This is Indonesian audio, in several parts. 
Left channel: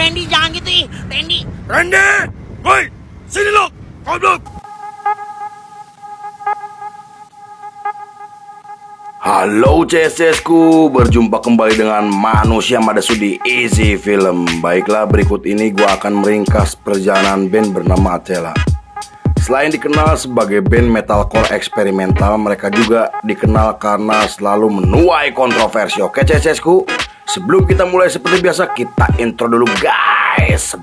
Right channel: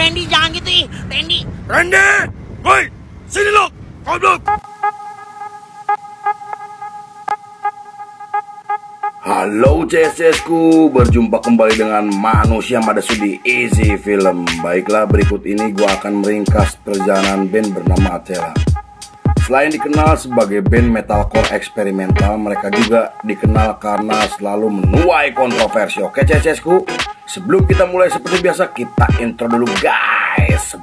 Randy jangan gitu ih. Randy. Woi, sini lo, goblok. Halo CSSku, berjumpa kembali dengan Manusia Madasu di Easy Film. Baiklah, berikut ini gue akan meringkas perjalanan band bernama Athela. Selain dikenal sebagai band metalcore eksperimental, mereka juga dikenal karena selalu menuai kontroversi. Oke CSSku, sebelum kita mulai seperti biasa, kita intro dulu guys.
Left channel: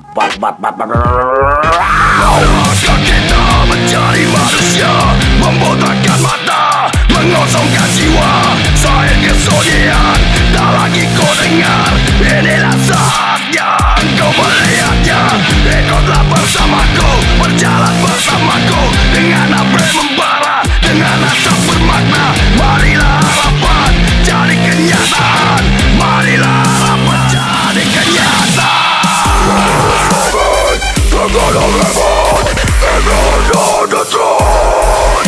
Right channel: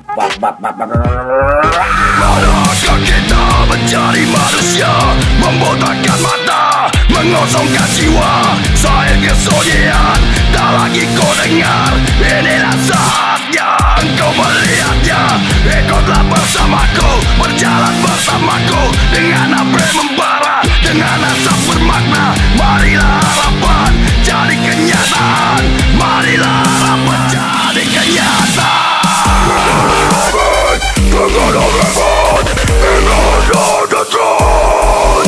Manakah kita mencari manusia, membotakkan mata, mengosongkan jiwa, saya kesunyian, tak lagi kau dengar. Inilah saatnya kau melihatnya. Ikutlah bersamaku, berjalan bersamaku, dengan apa yang membara, dengan asap bermakna. Marilah harapan jadi kenyataan, marilah harapan jadi kenyataan. We're gonna revolt, and on the throne.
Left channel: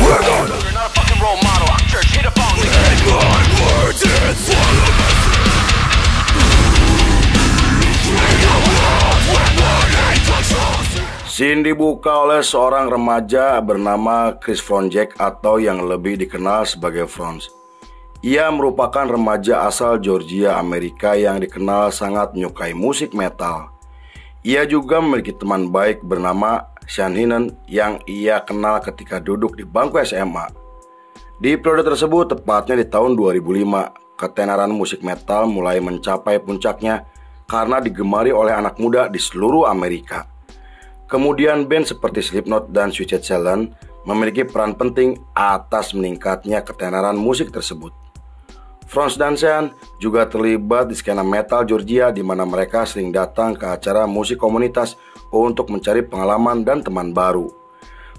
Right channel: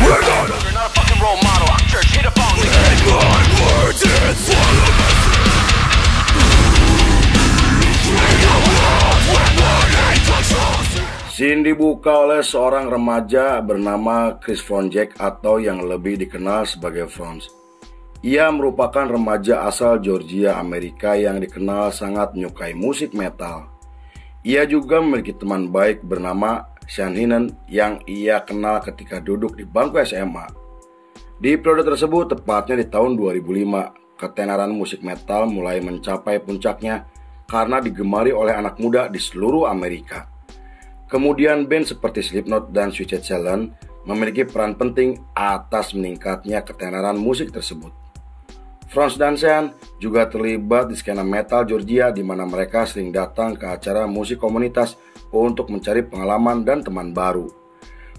We're gonna. You're not a fucking role model. Our church hit a phone. Take my words and swallow them. Scene dibuka oleh seorang remaja bernama Chris Fronzek atau yang lebih dikenal sebagai Franz. Ia merupakan remaja asal Georgia, Amerika yang dikenal sangat menyukai musik metal. Ia juga memiliki teman baik bernama Sean Hinen yang ia kenal ketika duduk di bangku SMA. Di periode tersebut, tepatnya di tahun 2005, ketenaran musik metal mulai mencapai puncaknya karena digemari oleh anak muda di seluruh Amerika. Kemudian band seperti Slipknot dan Suicide Silence memiliki peran penting atas meningkatnya ketenaran musik tersebut. Franz dan Sean juga terlibat di skena metal Georgia di mana mereka sering datang ke acara musik komunitas untuk mencari pengalaman dan teman baru.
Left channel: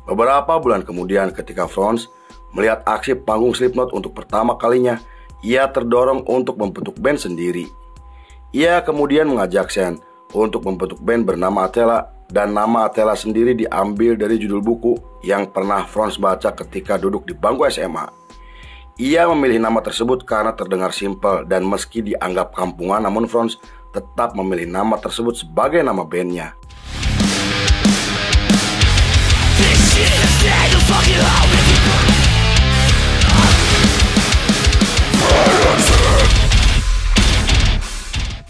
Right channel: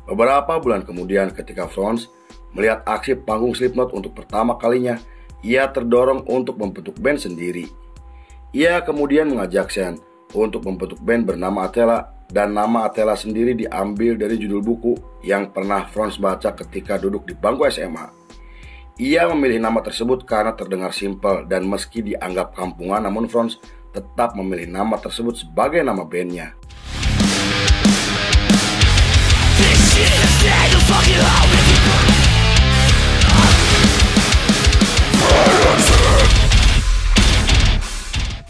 Beberapa bulan kemudian ketika Franz melihat aksi panggung Slipknot untuk pertama kalinya, ia terdorong untuk membentuk band sendiri. Ia kemudian mengajak Sean untuk membentuk band bernama Athela, dan nama Athela sendiri diambil dari judul buku yang pernah Franz baca ketika duduk di bangku SMA. Ia memilih nama tersebut karena terdengar simpel dan meski dianggap kampungan, namun Franz tetap memilih nama tersebut sebagai nama bandnya.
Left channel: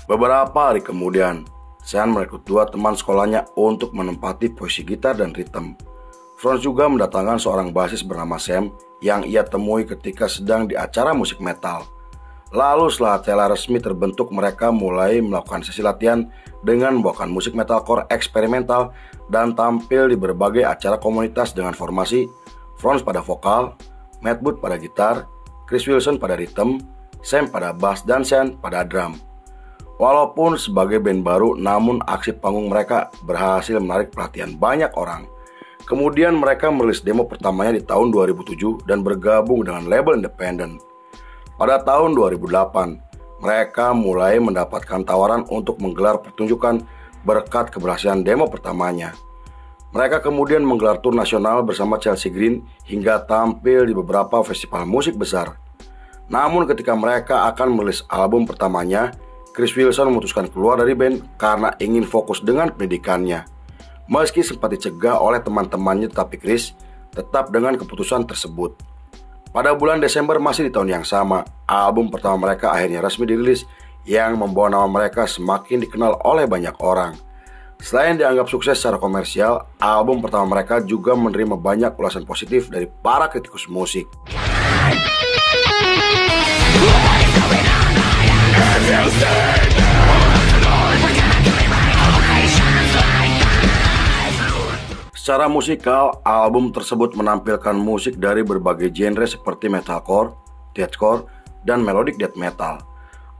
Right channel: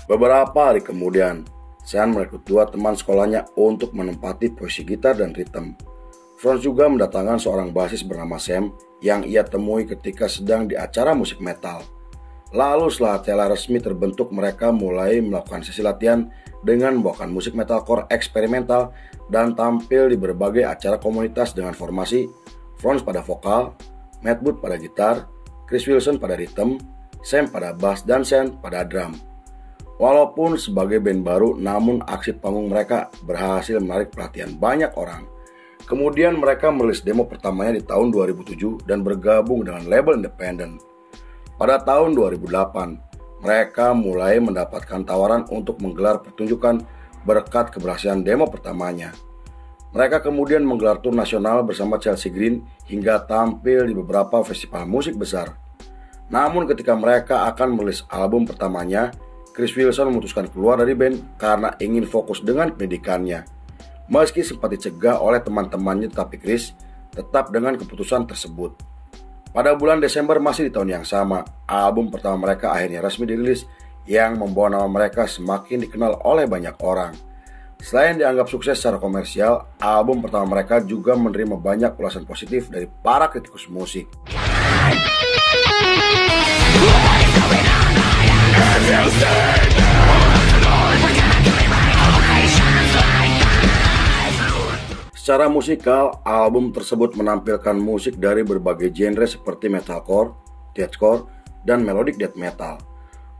Beberapa hari kemudian, Sean merekrut dua teman sekolahnya untuk menempati posisi gitar dan ritme. Franz juga mendatangkan seorang basis bernama Sam yang ia temui ketika sedang di acara musik metal. Lalu setelah Athela resmi terbentuk, mereka mulai melakukan sesi latihan dengan membawakan musik metalcore eksperimental dan tampil di berbagai acara komunitas dengan formasi Franz pada vokal, Matt Booth pada gitar, Chris Wilson pada rhythm, Sam pada bass dan Sean pada drum. Walaupun sebagai band baru, namun aksi panggung mereka berhasil menarik perhatian banyak orang. Kemudian mereka merilis demo pertamanya di tahun 2007 dan bergabung dengan label independen. Pada tahun 2008, mereka mulai mendapatkan tawaran untuk menggelar pertunjukan berkat keberhasilan demo pertamanya. Mereka kemudian menggelar tur nasional bersama Chelsea Green hingga tampil di beberapa festival musik besar. Namun ketika mereka akan merilis album pertamanya, Chris Wilson memutuskan keluar dari band karena ingin fokus dengan pendidikannya. Meski sempat dicegah oleh teman-temannya, tetapi Chris tetap dengan keputusan tersebut. Pada bulan Desember masih di tahun yang sama, album pertama mereka akhirnya resmi dirilis yang membawa nama mereka semakin dikenal oleh banyak orang. Selain dianggap sukses secara komersial, album pertama mereka juga menerima banyak ulasan positif dari para kritikus musik. Secara musikal, album tersebut menampilkan musik dari berbagai genre seperti metalcore, deathcore, dan melodic death metal.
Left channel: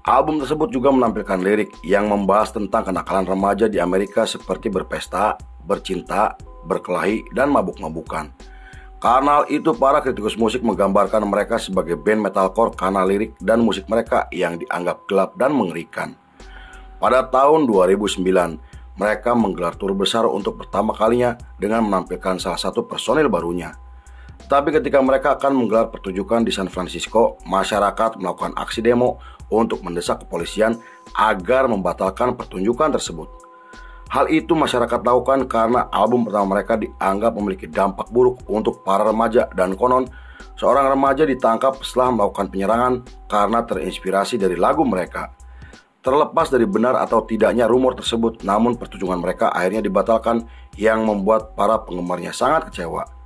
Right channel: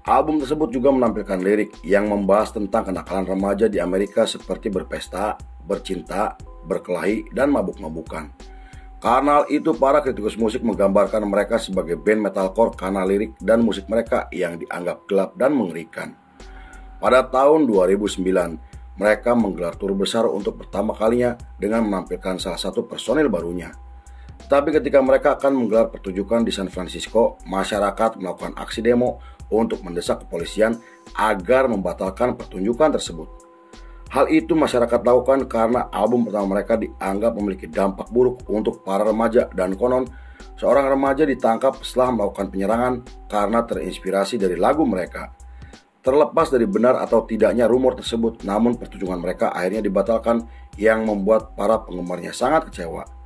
Album tersebut juga menampilkan lirik yang membahas tentang kenakalan remaja di Amerika seperti berpesta, bercinta, berkelahi, dan mabuk-mabukan. Karena itu, para kritikus musik menggambarkan mereka sebagai band metalcore karena lirik dan musik mereka yang dianggap gelap dan mengerikan. Pada tahun 2009, mereka menggelar tur besar untuk pertama kalinya dengan menampilkan salah satu personil barunya. Tapi ketika mereka akan menggelar pertunjukan di San Francisco, masyarakat melakukan aksi demo untuk mendesak kepolisian agar membatalkan pertunjukan tersebut. Hal itu masyarakat lakukan karena album pertama mereka dianggap memiliki dampak buruk untuk para remaja, dan konon seorang remaja ditangkap setelah melakukan penyerangan karena terinspirasi dari lagu mereka. Terlepas dari benar atau tidaknya rumor tersebut, namun pertunjukan mereka akhirnya dibatalkan yang membuat para penggemarnya sangat kecewa.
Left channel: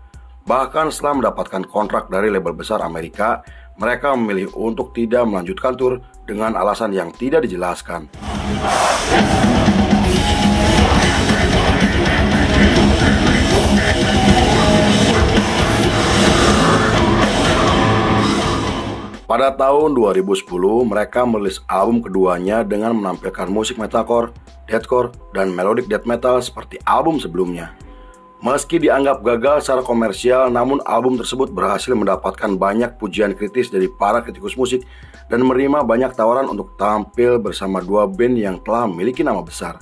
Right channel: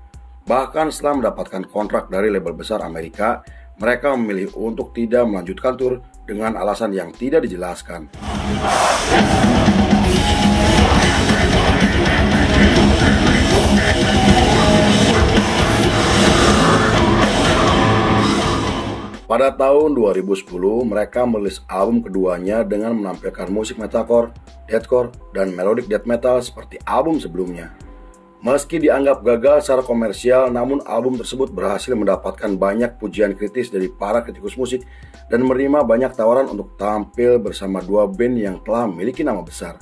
Bahkan setelah mendapatkan kontrak dari label besar Amerika, mereka memilih untuk tidak melanjutkan tur dengan alasan yang tidak dijelaskan. Pada tahun 2010, mereka merilis album keduanya dengan menampilkan musik metalcore, deathcore, dan melodic death metal seperti album sebelumnya. Meski dianggap gagal secara komersial, namun album tersebut berhasil mendapatkan banyak pujian kritis dari para kritikus musik dan menerima banyak tawaran untuk tampil bersama dua band yang telah memiliki nama besar.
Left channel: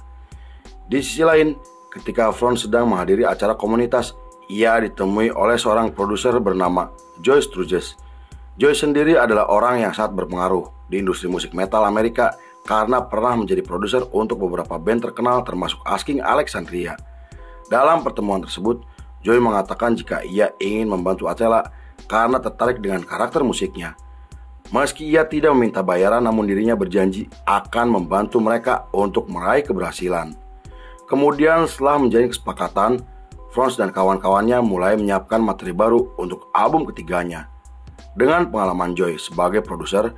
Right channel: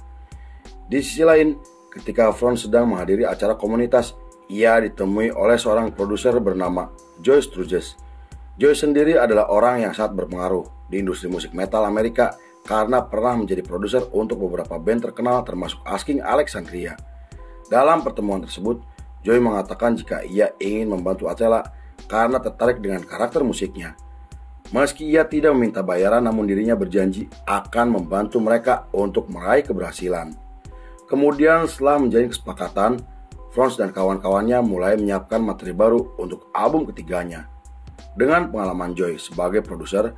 Di sisi lain, ketika Front sedang menghadiri acara komunitas, ia ditemui oleh seorang produser bernama Joey Sturges. Joey sendiri adalah orang yang sangat berpengaruh di industri musik metal Amerika karena pernah menjadi produser untuk beberapa band terkenal termasuk Asking Alexandria. Dalam pertemuan tersebut, Joey mengatakan jika ia ingin membantu Attila karena tertarik dengan karakter musiknya. Meski ia tidak meminta bayaran, namun dirinya berjanji akan membantu mereka untuk meraih keberhasilan. Kemudian setelah menjalin kesepakatan, Front dan kawan-kawannya mulai menyiapkan materi baru untuk album ketiganya. Dengan pengalaman Joey sebagai produser,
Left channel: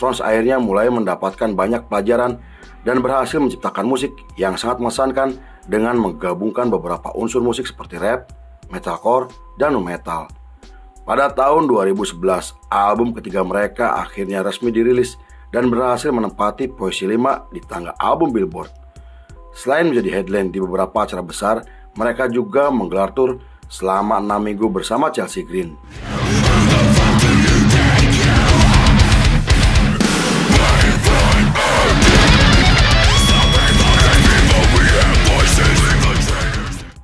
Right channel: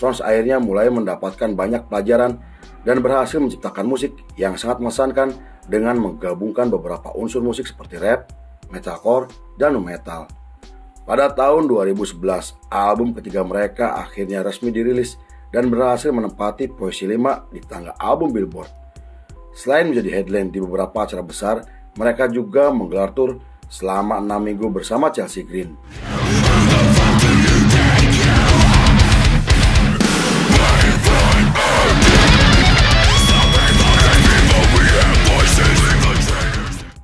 Front akhirnya mulai mendapatkan banyak pelajaran dan berhasil menciptakan musik yang sangat mengesankan dengan menggabungkan beberapa unsur musik seperti rap, metalcore, dan nu metal. Pada tahun 2011, album ketiga mereka akhirnya resmi dirilis dan berhasil menempati posisi 5 di tangga album Billboard. Selain menjadi headline di beberapa acara besar, mereka juga menggelar tur selama 6 minggu bersama Chelsea Green.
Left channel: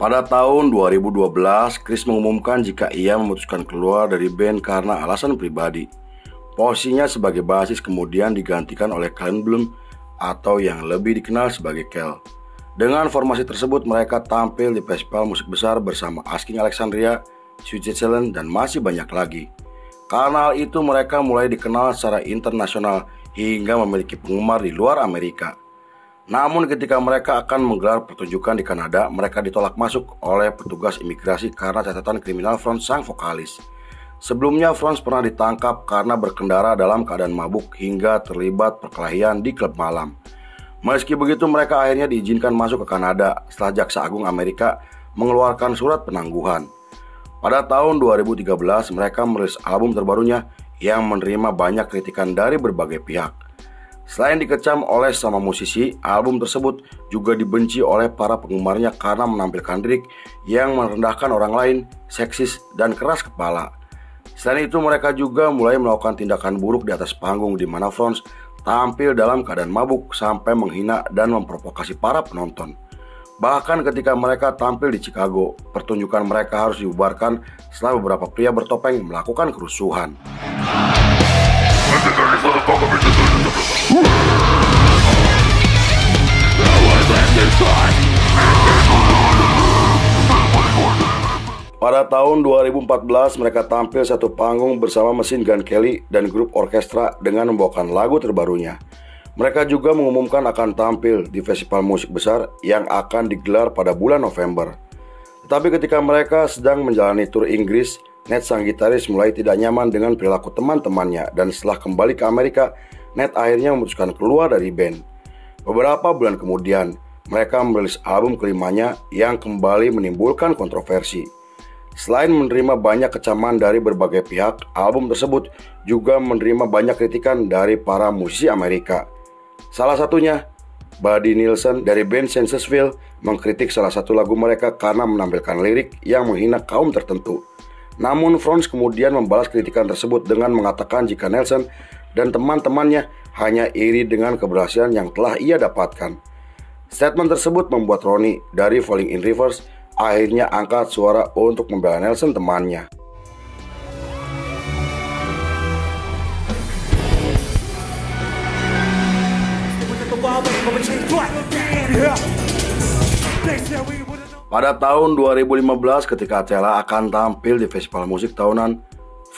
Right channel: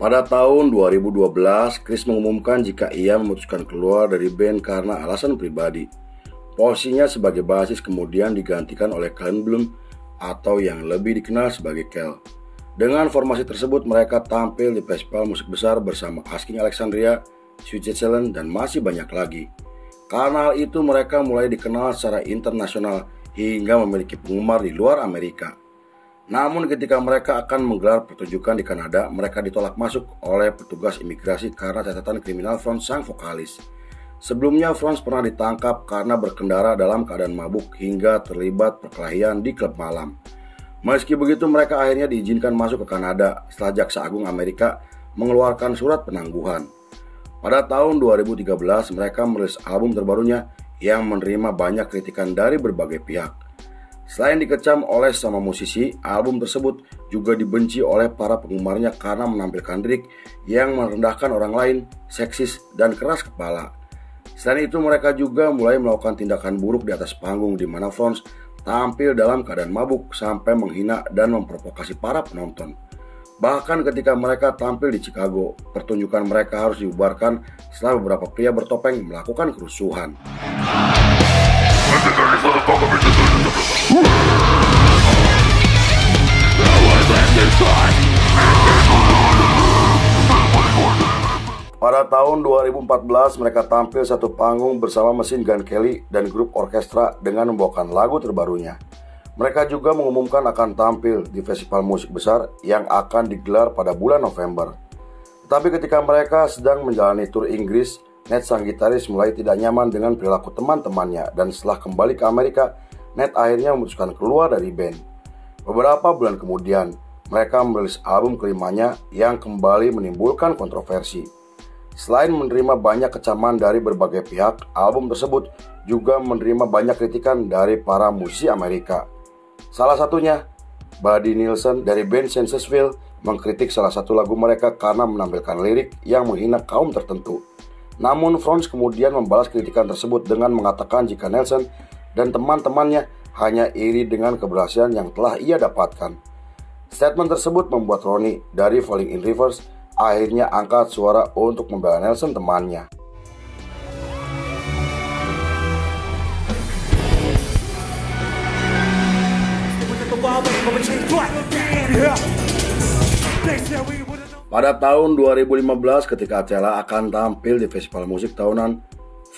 Pada tahun 2012, Chris mengumumkan jika ia memutuskan keluar dari band karena alasan pribadi. Posisinya sebagai bassist kemudian digantikan oleh Callum Bloom atau yang lebih dikenal sebagai Kel. Dengan formasi tersebut mereka tampil di festival musik besar bersama Asking Alexandria, Switzerland, dan masih banyak lagi. Karena hal itu mereka mulai dikenal secara internasional hingga memiliki penggemar di luar Amerika. Namun ketika mereka akan menggelar pertunjukan di Kanada, mereka ditolak masuk oleh petugas imigrasi karena catatan kriminal Front sang vokalis. Sebelumnya Front pernah ditangkap karena berkendara dalam keadaan mabuk hingga terlibat perkelahian di klub malam. Meski begitu mereka akhirnya diizinkan masuk ke Kanada setelah Jaksa Agung Amerika mengeluarkan surat penangguhan. Pada tahun 2013 mereka merilis album terbarunya yang menerima banyak kritikan dari berbagai pihak. Selain dikecam oleh sama musisi, album tersebut juga dibenci oleh para penggemarnya karena menampilkan lirik yang merendahkan orang lain, seksis, dan keras kepala. Selain itu mereka juga mulai melakukan tindakan buruk di atas panggung di mana Front tampil dalam keadaan mabuk sampai menghina dan memprovokasi para penonton. Bahkan ketika mereka tampil di Chicago, pertunjukan mereka harus dibubarkan setelah beberapa pria bertopeng melakukan kerusuhan. Pada tahun 2014 mereka tampil satu panggung bersama Machine Gun Kelly dan grup orkestra dengan membawakan lagu terbarunya. Mereka juga mengumumkan akan tampil di festival musik besar yang akan digelar pada bulan November. Tetapi ketika mereka sedang menjalani tur Inggris, Ned sang gitaris mulai tidak nyaman dengan perilaku teman-temannya dan setelah kembali ke Amerika, Ned akhirnya memutuskan keluar dari band. Beberapa bulan kemudian, mereka merilis album kelimanya yang kembali menimbulkan kontroversi. Selain menerima banyak kecaman dari berbagai pihak, album tersebut juga menerima banyak kritikan dari para musisi Amerika. Salah satunya, Buddy Nielsen dari band Sensesville mengkritik salah satu lagu mereka karena menampilkan lirik yang menghina kaum tertentu. Namun Front kemudian membalas kritikan tersebut dengan mengatakan jika Nielsen dan teman-temannya hanya iri dengan keberhasilan yang telah ia dapatkan. Statement tersebut membuat Ronnie dari Falling in Reverse akhirnya angkat suara untuk membela Nielsen temannya. Pada tahun 2015 ketika Attila akan tampil di festival musik tahunan,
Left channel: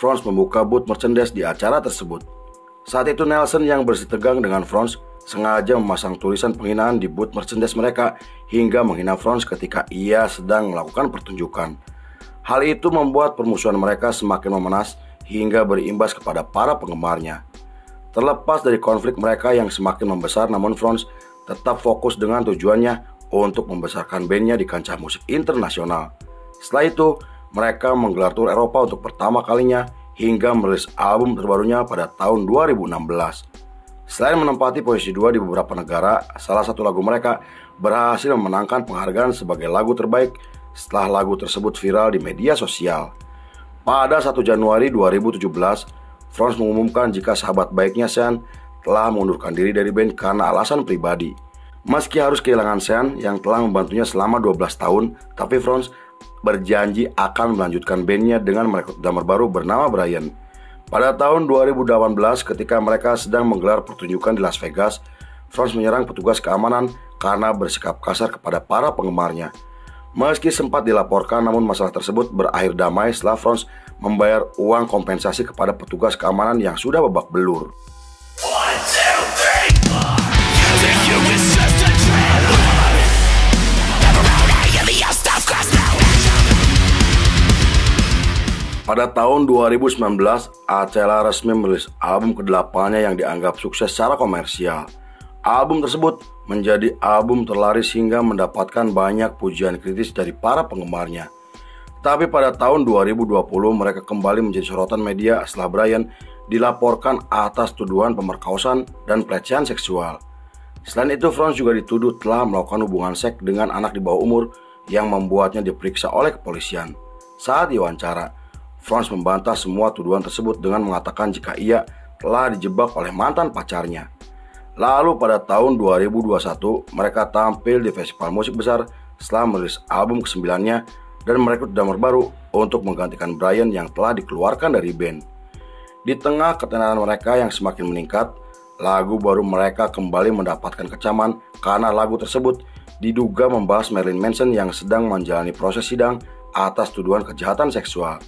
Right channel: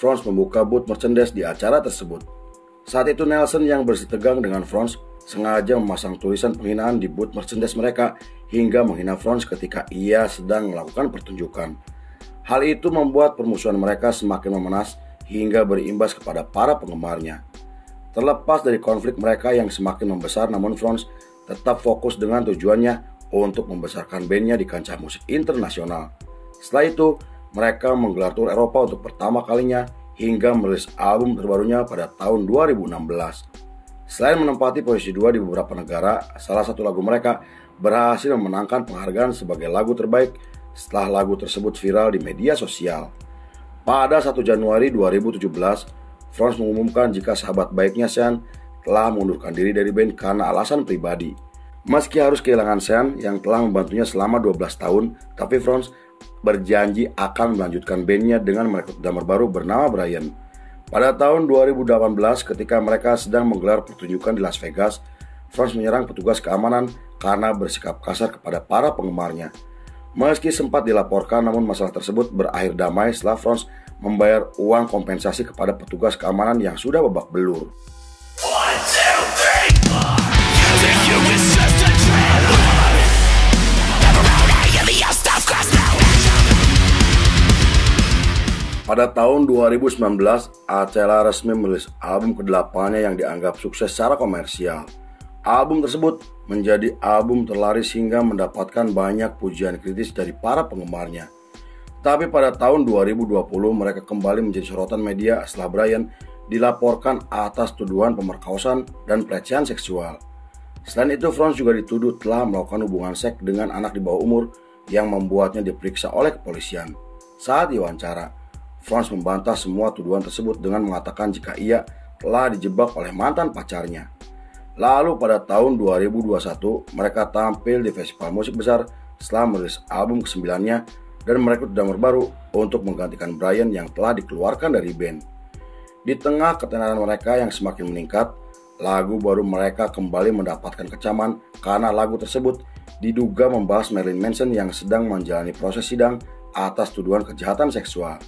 Franz membuka booth merchandise di acara tersebut. Saat itu Nelson yang bersih tegang dengan Franz sengaja memasang tulisan penghinaan di booth merchandise mereka hingga menghina Franz ketika ia sedang melakukan pertunjukan. Hal itu membuat permusuhan mereka semakin memanas hingga berimbas kepada para penggemarnya. Terlepas dari konflik mereka yang semakin membesar, namun Franz tetap fokus dengan tujuannya untuk membesarkan bandnya di kancah musik internasional. Setelah itu, mereka menggelar tur Eropa untuk pertama kalinya hingga merilis album terbarunya pada tahun 2016. Selain menempati posisi 2 di beberapa negara, salah satu lagu mereka berhasil memenangkan penghargaan sebagai lagu terbaik setelah lagu tersebut viral di media sosial. Pada 1 Januari 2017, Franz mengumumkan jika sahabat baiknya Sean telah mengundurkan diri dari band karena alasan pribadi. Meski harus kehilangan Sean yang telah membantunya selama 12 tahun, tapi Franz berjanji akan melanjutkan bandnya dengan merekrut drummer baru bernama Brian. Pada tahun 2018 ketika mereka sedang menggelar pertunjukan di Las Vegas, Franz menyerang petugas keamanan karena bersikap kasar kepada para penggemarnya. Meski sempat dilaporkan, namun masalah tersebut berakhir damai setelah Franz membayar uang kompensasi kepada petugas keamanan yang sudah babak belur. Pada tahun 2019, Attila resmi merilis album ke-8-nya yang dianggap sukses secara komersial. Album tersebut menjadi album terlaris hingga mendapatkan banyak pujian kritis dari para penggemarnya. Tapi pada tahun 2020 mereka kembali menjadi sorotan media setelah Brian dilaporkan atas tuduhan pemerkosaan dan pelecehan seksual. Selain itu, Franz juga dituduh telah melakukan hubungan seks dengan anak di bawah umur yang membuatnya diperiksa oleh kepolisian. Saat diwawancara, Franz membantah semua tuduhan tersebut dengan mengatakan jika ia telah dijebak oleh mantan pacarnya. Lalu pada tahun 2021 mereka tampil di festival musik besar setelah merilis album ke-9-nya dan merekrut drummer baru untuk menggantikan Brian yang telah dikeluarkan dari band. Di tengah ketenaran mereka yang semakin meningkat, lagu baru mereka kembali mendapatkan kecaman karena lagu tersebut diduga membahas Marilyn Manson yang sedang menjalani proses sidang atas tuduhan kejahatan seksual.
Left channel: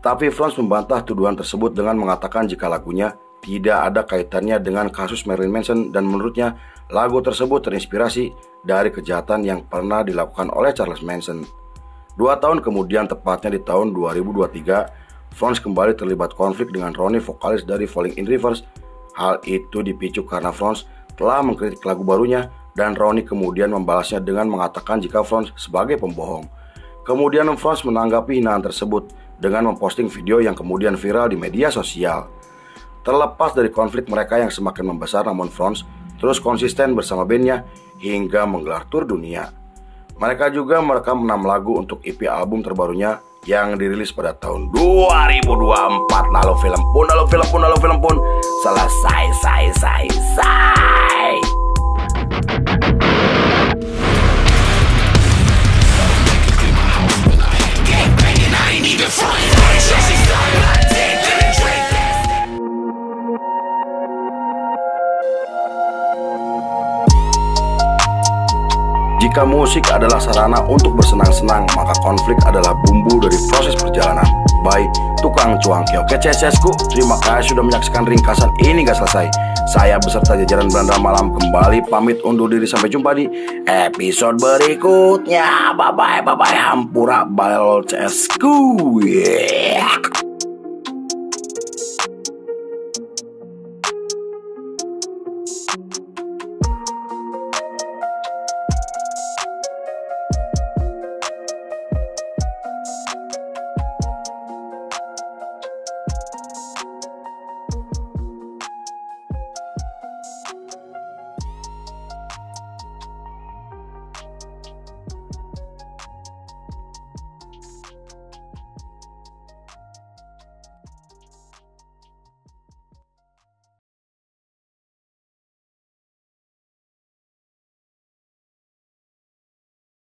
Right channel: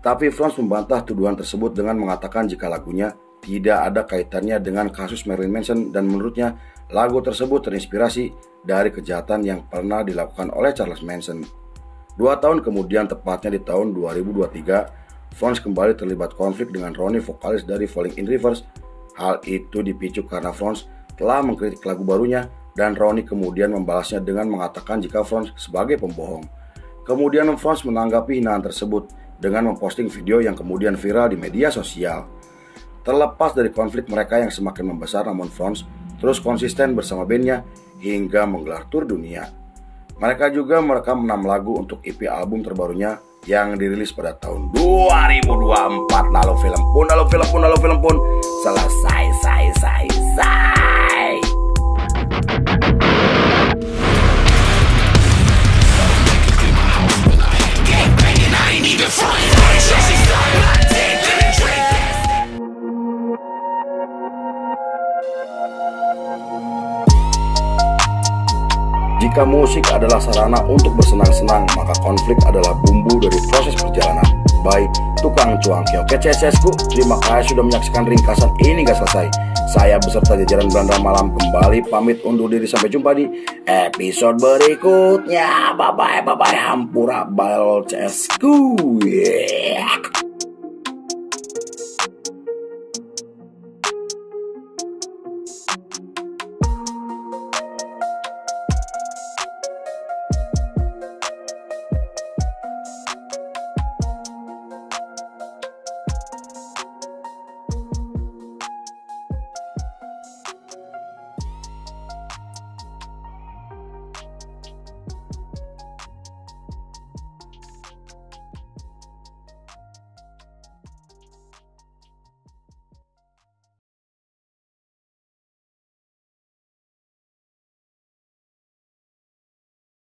Tapi Franz membantah tuduhan tersebut dengan mengatakan jika lagunya tidak ada kaitannya dengan kasus Marilyn Manson dan menurutnya lagu tersebut terinspirasi dari kejahatan yang pernah dilakukan oleh Charles Manson. 2 tahun kemudian, tepatnya di tahun 2023, Franz kembali terlibat konflik dengan Ronnie, vokalis dari Falling in Reverse. Hal itu dipicu karena Franz telah mengkritik lagu barunya dan Ronnie kemudian membalasnya dengan mengatakan jika Franz sebagai pembohong. Kemudian Franz menanggapi hinaan tersebut dengan memposting video yang kemudian viral di media sosial. Terlepas dari konflik mereka yang semakin membesar, namun Franz terus konsisten bersama bandnya hingga menggelar tur dunia. Mereka juga merekam 6 lagu untuk EP album terbarunya yang dirilis pada tahun 2024. Lalu film pun selesai. Jika musik adalah sarana untuk bersenang-senang, maka konflik adalah bumbu dari proses perjalanan. By Tukang Cuangki. Oke CSSku, terima kasih sudah menyaksikan ringkasan ini gak selesai. Saya beserta jajaran Belanda Malam kembali pamit undur diri, sampai jumpa di episode berikutnya. Bye bye Hampura Bal CSku. Yeah.